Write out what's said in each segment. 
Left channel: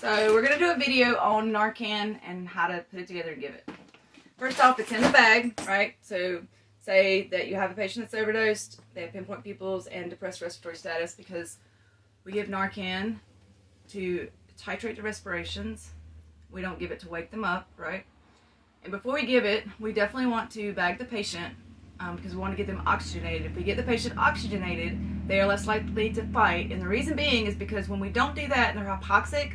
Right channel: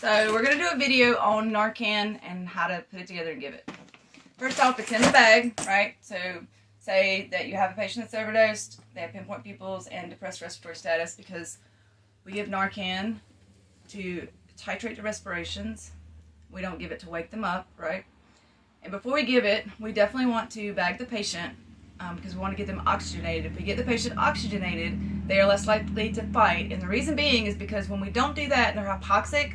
So we're going to do a video on Narcan and how to put it together and give it. First off, it's in the bag, right? So say that you have a patient that's overdosed, they have pinpoint pupils and depressed respiratory status, because we give Narcan to titrate the respirations. We don't give it to wake them up, right? And before we give it, we definitely want to bag the patient because we want to get them oxygenated. If we get the patient oxygenated, they are less likely to fight. And the reason being is because when we don't do that and they're hypoxic,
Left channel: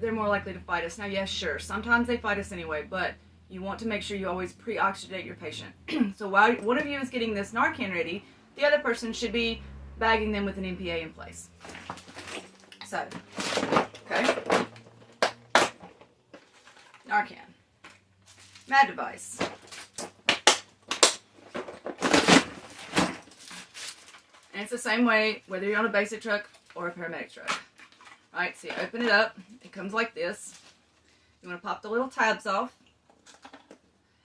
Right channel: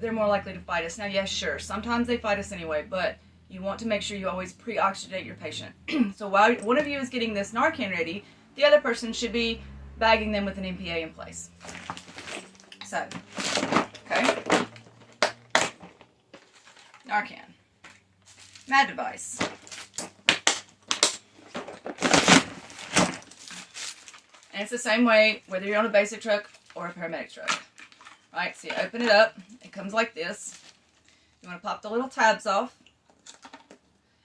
they're more likely to fight us. Now, yes, sure, sometimes they fight us anyway, but you want to make sure you always pre-oxygenate your patient. So while one of you is getting this Narcan ready, the other person should be bagging them with an MPA in place. So, okay. Narcan. Mad device. And it's the same way whether you're on a basic truck or a paramedic truck. Right, so you open it up, it comes like this. You want to pop the little tabs off,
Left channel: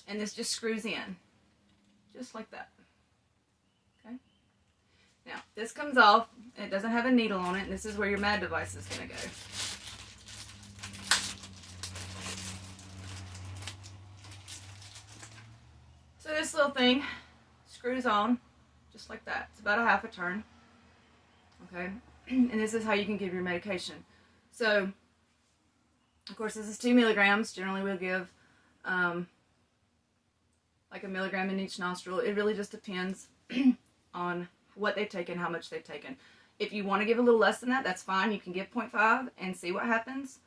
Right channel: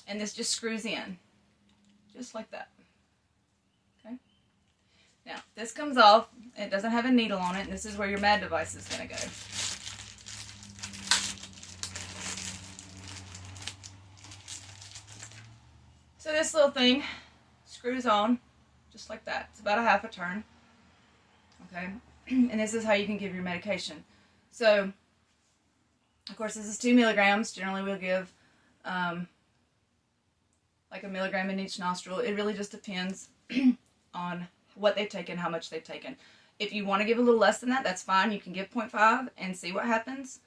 and this just screws in, just like that. Okay. Now, this comes off, and it doesn't have a needle on it, and this is where your MAD device is going to go. So this little thing screws on, just like that. It's about a half a turn. Okay. And this is how you can give your medication. So, of course, this is 2 milligrams. Generally, we'll give like a milligram in each nostril. It really just depends on what they've taken, how much they've taken. If you want to give a little less than that, that's fine. You can give 0.5 and see what happens.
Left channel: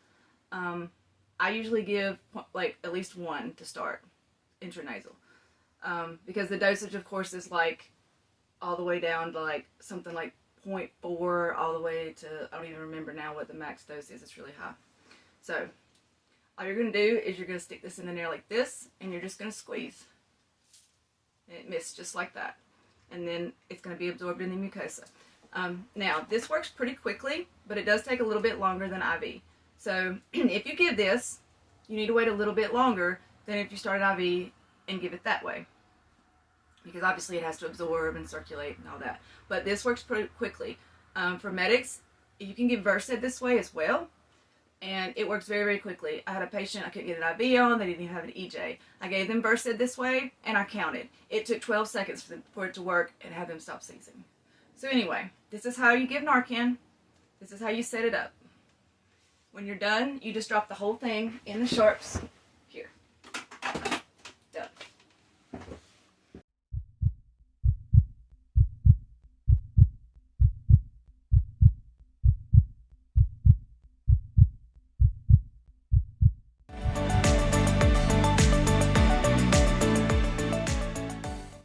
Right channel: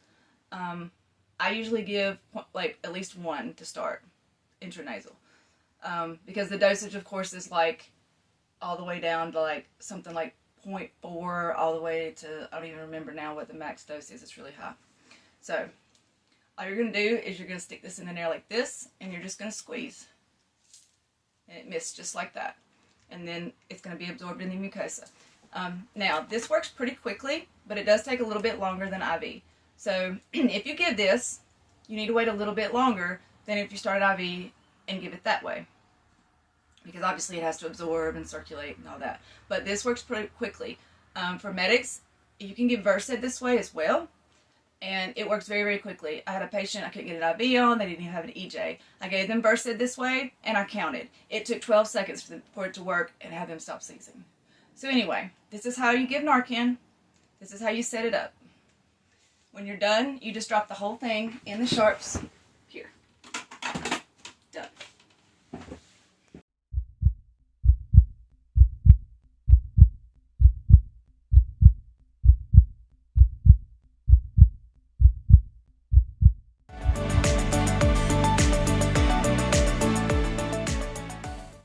I usually give like at least 1 to start, intranasal. Because the dosage, of course, is like all the way down to like something like 0.4 all the way to, I don't even remember now what the max dose is. It's really high. So all you're going to do is you're going to stick this in the nail like this, and you're just going to squeeze. And it missed just like that. And then it's going to be absorbed in the mucosa. Now, this works pretty quickly, but it does take a little bit longer than IV. So if you give this, you need to wait a little bit longer than if you start an IV and give it that way. Because obviously it has to absorb and circulate and all that. But this works pretty quickly. For medics, you can give Versed this way as well. And it works very, very quickly. I had a patient, I couldn't get an IV on, they didn't even have an EJ. I gave them Versed this way, and I counted. It took 12 seconds for it to work and have them stop seizing. So anyway, this is how you give Narcan. This is how you set it up. When you're done, you just drop the whole thing in the sharps